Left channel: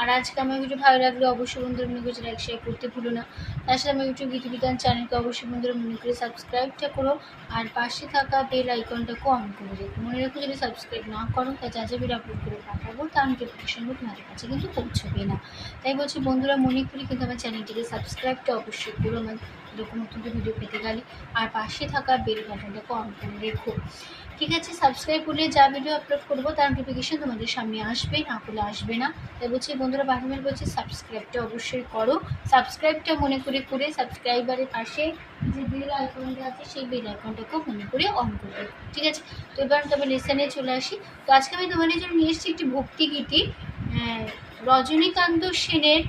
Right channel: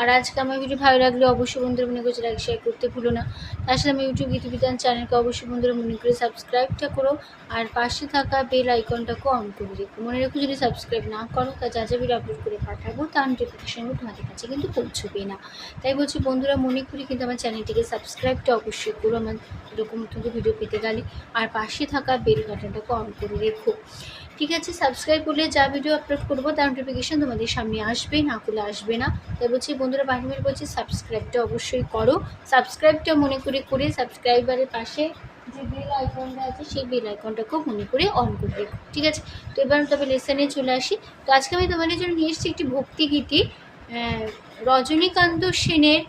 আর আজকে আমার ভিডিও ভালো লাগলে অবশ্যই বন্ধুরা মনে করছে লাইক শেয়ার করতে ভুলো না। তার সাথে আমার ইউটিউব গীতবিতান চ্যানেলকে অবশ্যই বন্ধুরা মনে করে সাবস্ক্রাইবটা করো। আর পাশে থাকা বেল আইকনটাকেও অন করে রেখো। মনে রেখো যদি সাবস্ক্রাইব না করো তা যা যা ভিডিও আপলোড করে পাঠাবো, তার নোটিফিকেশনগুলো তোমাদের কাছে কিন্তু পৌঁছবে না। তাই বলছি বন্ধুরা, মনে করি কিন্তু আমার চ্যানেলটিকে সাবস্ক্রাইবটা অবশ্যই করো আমার এরকম নতুন ভিডিও পেতে গেলে। আর পাশে থাকা বেল বাটনটাকে অন করে রেখো। ঠিক আছে সাবস্ক্রাইব করলে যা ভিডিও আপলোড করব, তার নোটিফিকেশন তোমাদের সামনে আসবে, না করলে আসবে না। তাই বলছি বন্ধুরা বাহিমের বলছি সাবস্ক্রাইবটা অবশ্যই করো। সাবস্ক্রাইবটা মনে করে করে সাবস্ক্রাইবারের পাশে যে বেল আইকনটা আছে, সেই বেল আইকনটাকেও মনে করে অন করে রেখো, ঠিক আছে? তো এবার তবে লেসনে চলে আসি। তো আজকে আমি তোমাদের জন্য নিয়ে এসেছি একটি ভক্তিগীতি রজনীকান্ত সেনের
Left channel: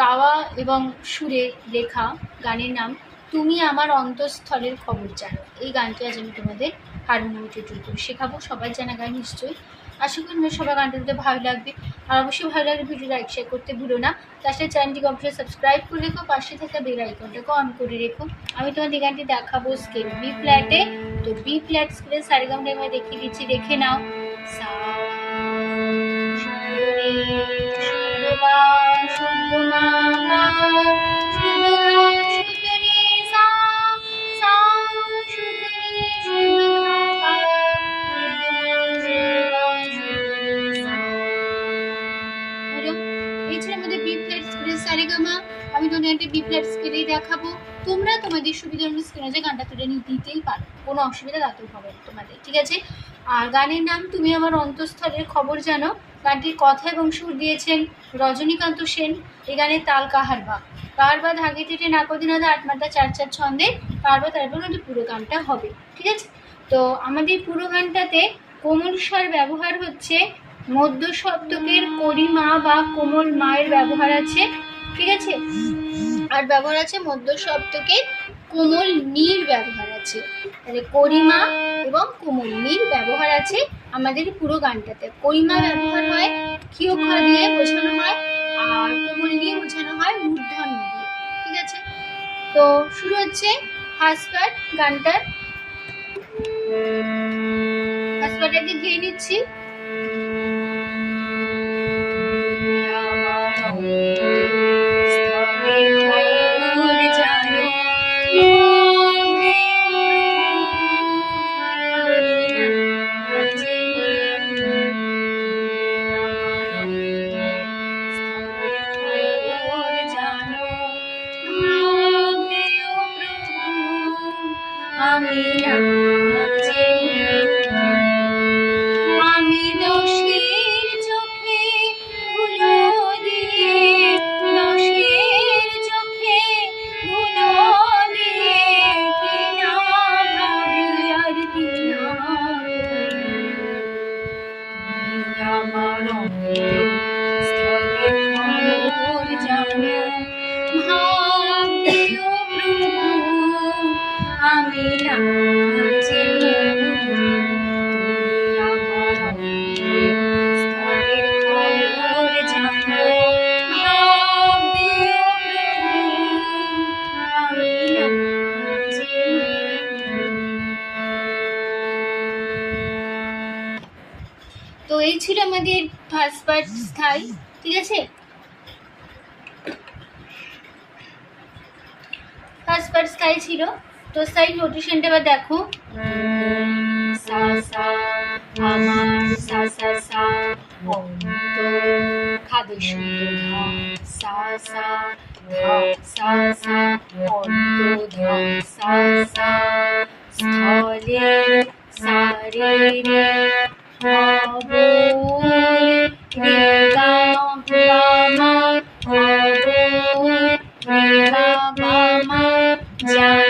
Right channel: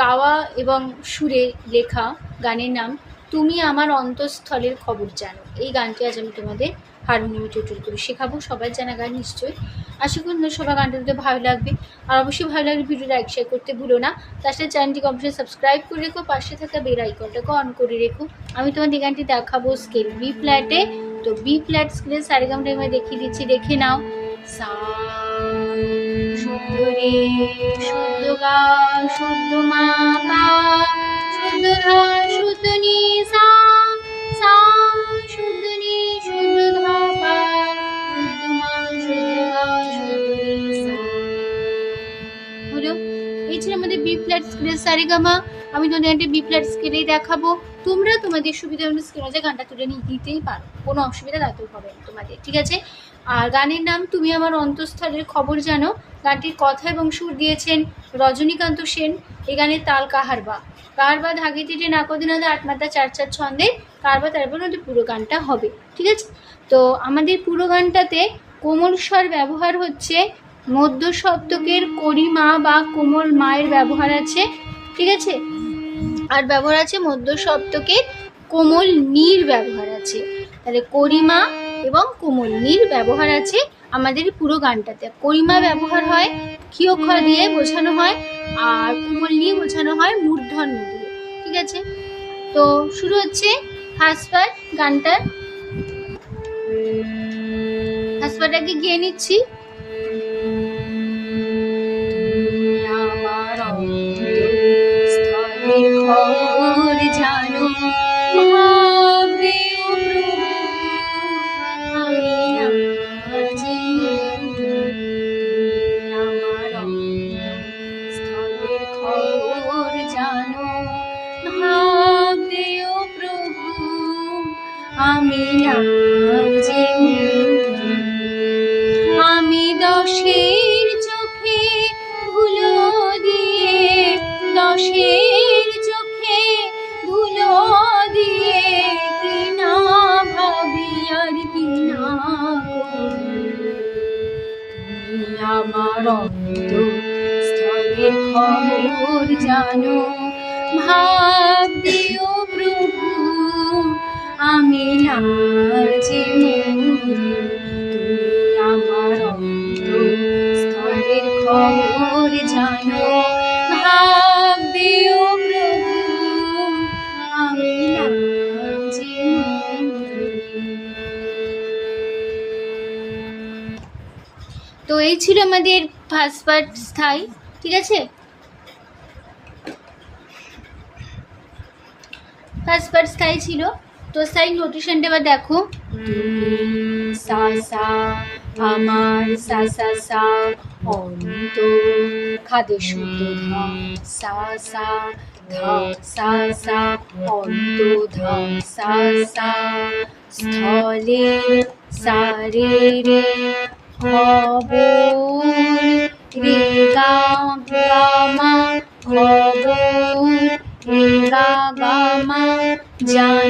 গাওয়া এবং সুরে লেখা গানের নাম, তুমি আমার অন্তঃস্থলের খবর জানো। এই গানটি আজ আমি তোমাদের হারমোনিয়াম করে শেখাবো। সবাই জানা গান নিশ্চয়ই। আশা করি সবার গানটা ভালো লাগবে। আর অবশ্যই ভালো লাগলে ভিডিও লাইক শেয়ার করতে ভুলো না। তার সাথে চ্যানেলটিকে অবশ্যই সাবস্ক্রাইব করে রেখো, পাশে থাকা বেল আইকনটাকে অন করে রেখো। আমি তোমাদের গানটি দেখাবো স্কেল বি ফ্ল্যাটে তো বি ফ্ল্যাট স্কেলে সারেগামটা আমি দেখিয়ে দিচ্ছি, দেখে নাও। সা শুদ্ধ রে শুদ্ধ মা দেখাবো। তোমরা তোমাদের সুবিধা অনুযায়ী গানটা তুলে নিয়ে দিতেই পারো। কোনো অসুবিধা তাতেও হবে তোমাদের, ঠিক আছে? আর গানের নাম তুমি আমার অন্তঃস্থলের খবর জানো। গানটির কথা এবং সুর দিয়েছেন রজনীকান্ত সেন। এই গানের তাল কাহারবা কাহারবা ধাগে তেটে নাকদিনাদে আট মাত্রা চার চার ছন্দে কাহারবা তারপর আমাদের পুরো গানটা হবে, ঠিক আছে? তো আমাদের পুরো গানটাতে কোমল স্বর ব্যবহার হচ্ছে মধ্য সপ্তকের করিমা বা কোমল মায়ের ব্যবহার আছে, ঠিক আছে? আর ব্যবহার আছে মধ্য সপ্তকের কোমল নীর ব্যবহার আছে। তাহলে করিমা এবং কোমল নীর ব্যবহার আছে আমাদের পুরো গানটাতে। করিমা ব্যবহার হয় ক্ষিয় খ দিয়ে বোঝানো হয়, আর কোমল নিয়ে বোঝানো হয় মূর্ধন্য দিয়ে। ঠিক আছে? তো শুরু হচ্ছে হাসপার গানটার। হাসপারটাকে গিয়ে নিচ্ছি। আমি তো এই ছিল আমাদের ফার্স্ট পার্ট স্থায়ী ঠিক আছে? ফার্স্ট পার্ট স্থায়ী ছিল। তো স্থায়ী নোটেশনটা এবার দেখো। সা সা, আমার, সা সা সা অন্ত খাদে শুদ্ধ সা সা, ধা, সা সা অন্ত ধা সা সা, স্থলে সারে রে খবর রে গা গা মা খবর রে গা গা মা, জানো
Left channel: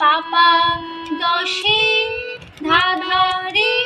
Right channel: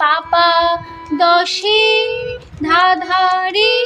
পাপা দশে ধাধারে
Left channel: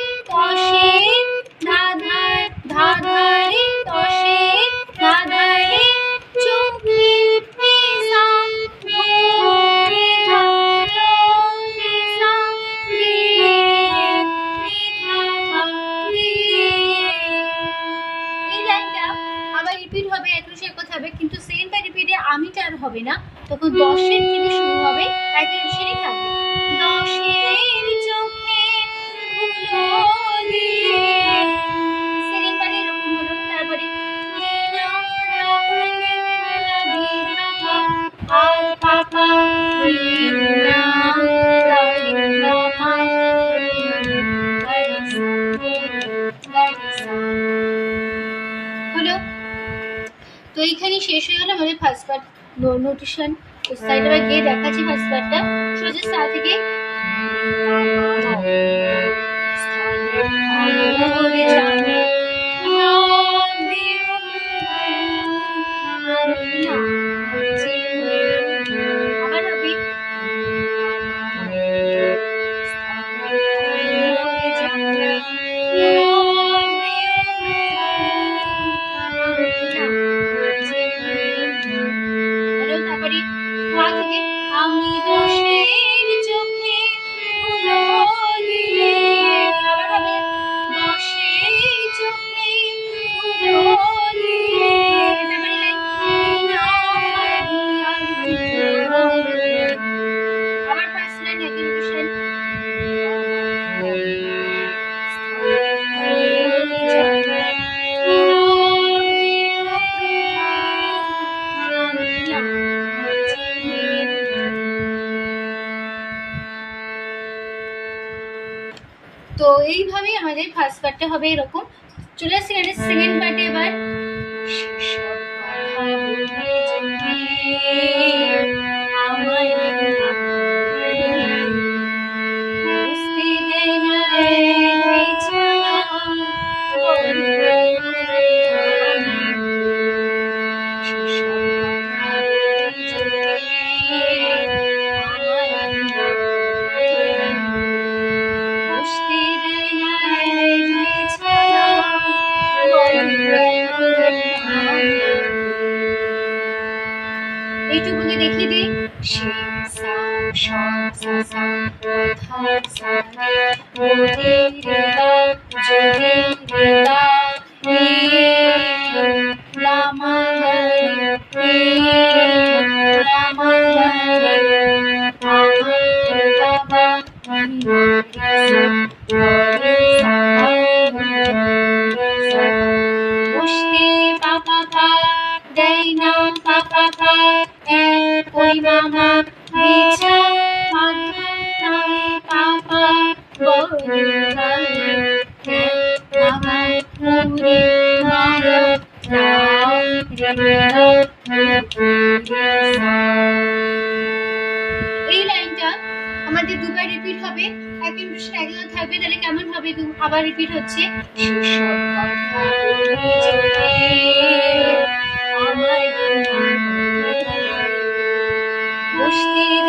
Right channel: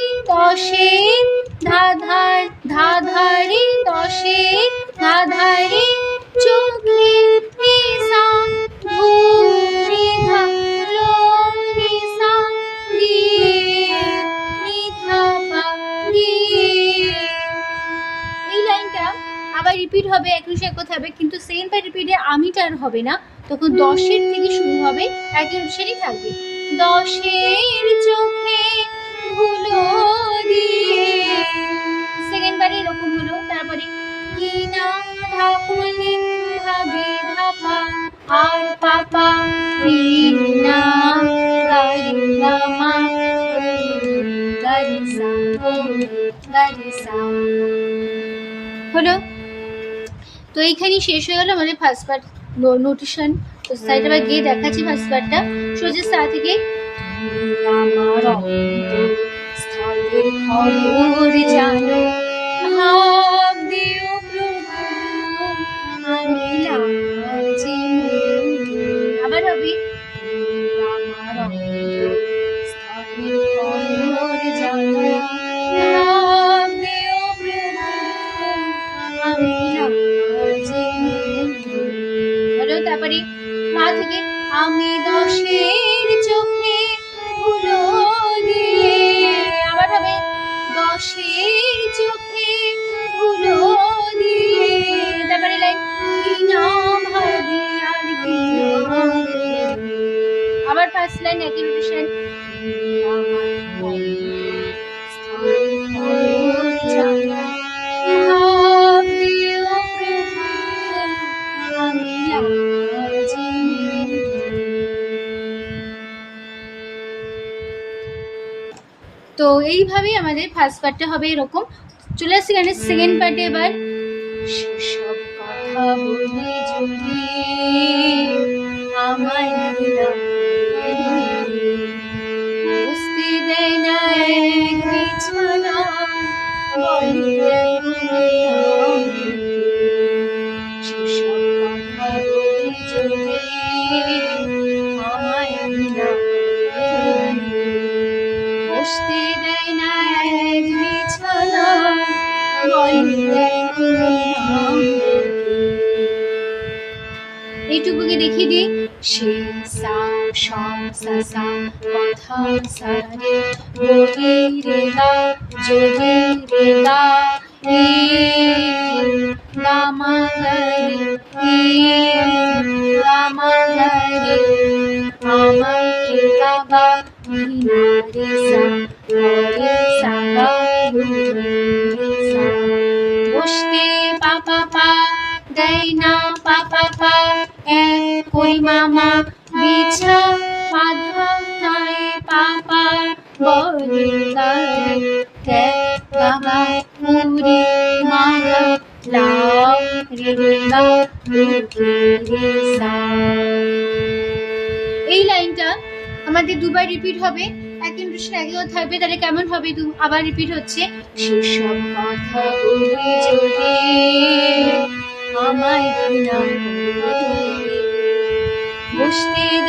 শেষ হয়ে গেল আমাদের ফার্স্ট পার্ট নোটিশন তো সাইড আবার গিয়ে দেখাচ্ছি ফার্স্ট পার্টটা সোজা সা থেকে আমার স্থানে অরে স্থানের ফার্স্ট পার্টটা হবে এরকম। চলে আসছি গানের সেকেন্ড পার্টে এবার। এইটুকুকে দেখিয়ে দিই। সে সা, স, সা সা প্রথম সা, রে রে রে রে রে রে মামা বিছা মাধব নাই পাপা বহিরায় হে বাবা মুনি এই লাইনটা আমাদের দুবার রিপিট হবে। একদিন ইন্ট্রোশন একজন থাকবে তাহলে কেমন হবে আবার রিপিট হচ্ছে? শিশু কথা Gostei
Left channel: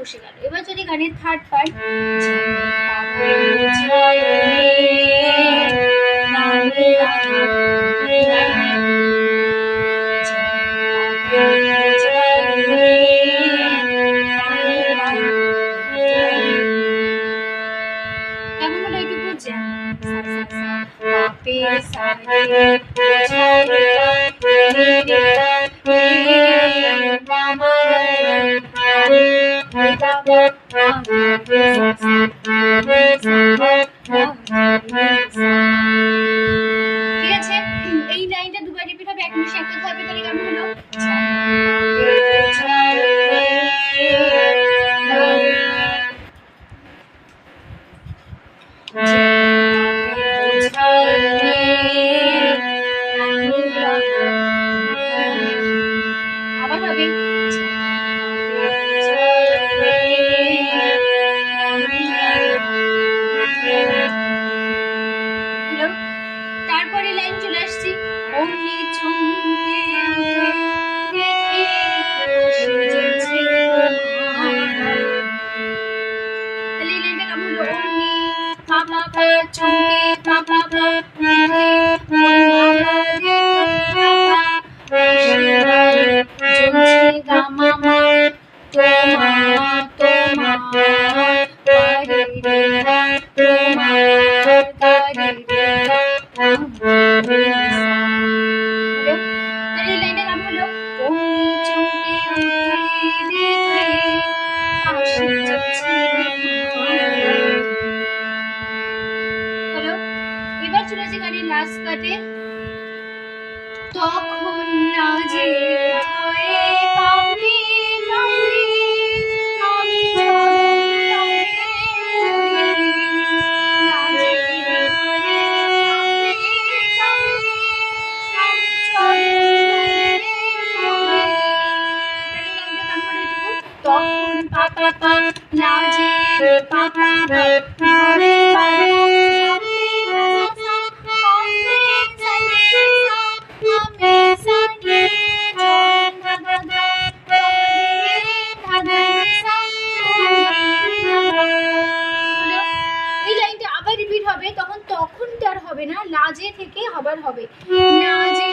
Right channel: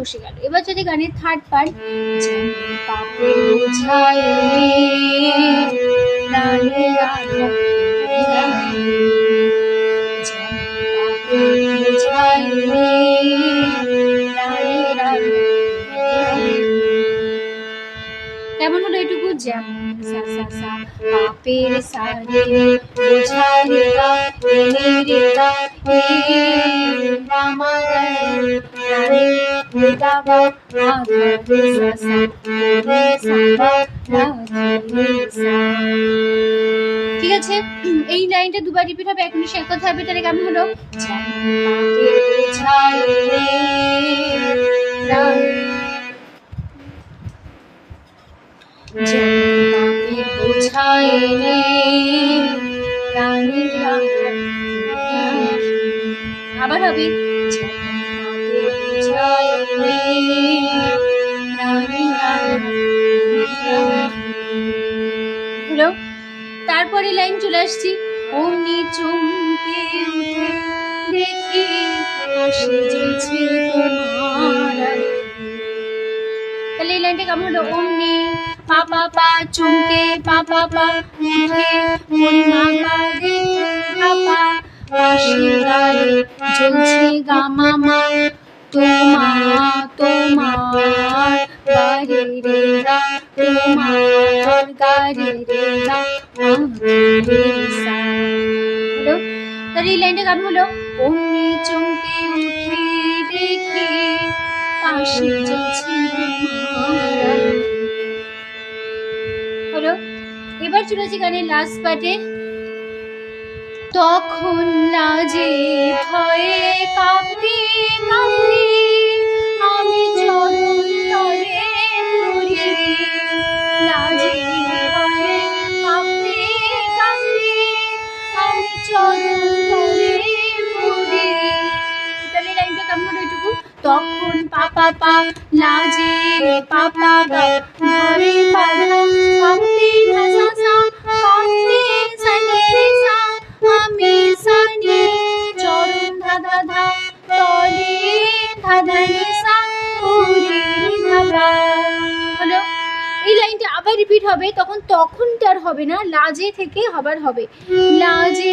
বসে গেল। এবার যদি গানের থার্ড পার্ট কেমন হলো এটুকু? জ্যাম। পেরে সারে ঠিক আছে, এই লাইনটা দুবার রিপিট হবে, এক মিনিট এক কথা হবে, তাহলে কেমন হলো Yeah. তখন লাজে ভয়ে কাঁপি আমি লাজে ভয়ে কাঁপি আমি তখন পাপা পা লাজে পাপা হবে না লাজে থেকে আবার হবে। লাজে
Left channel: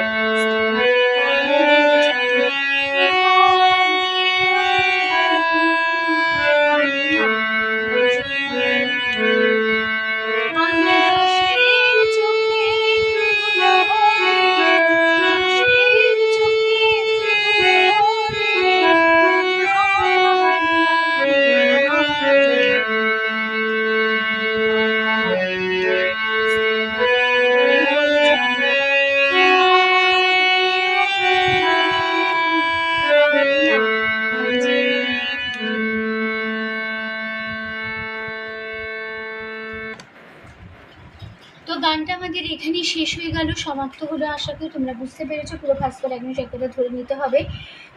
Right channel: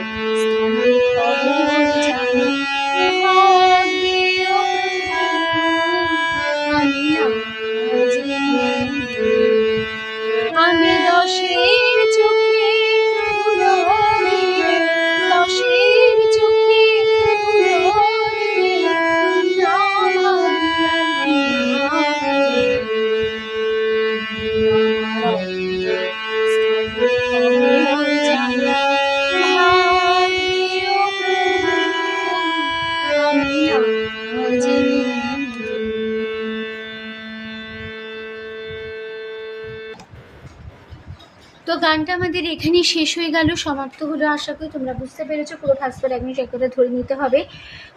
গানটা আমাদের এখানেই শেষ হয়ে গেল, সমাপ্ত হলো আশা করি, তোমরা বুঝতে পেরেছ, পুরো ফার্স্ট বার এক কথা ধরে নিতে হবে।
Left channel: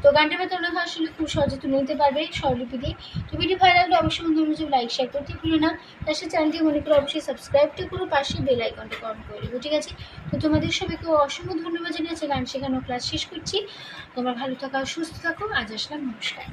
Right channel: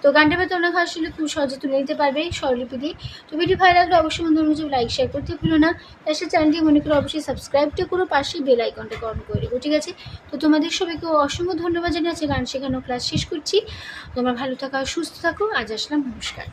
তো গানটা এবার তোমরা আসলে খুব সহজে তুলে নিতে পারবে স্বরলিপি দিয়ে তো ভিডিও ভালো লাগলে অবশ্যই বন্ধু মুঝে লাইক শেয়ার করতে ভুলো না। তার সাথে চ্যানেলটি মনে করে অবশ্যই সাবস্ক্রাইবটা করো, পাশে বেল আইকনটা অন করে দেবো ঠিক আছে? তো তোমাদের সবাইকে অসংখ্য ধন্যবাদ জানিয়ে আছে গান শেখানো ক্লাস শেষ করছি। তোমরা ভালো থাকো, সুস্থ থাকো, আজ আসলাম, নমস্কার।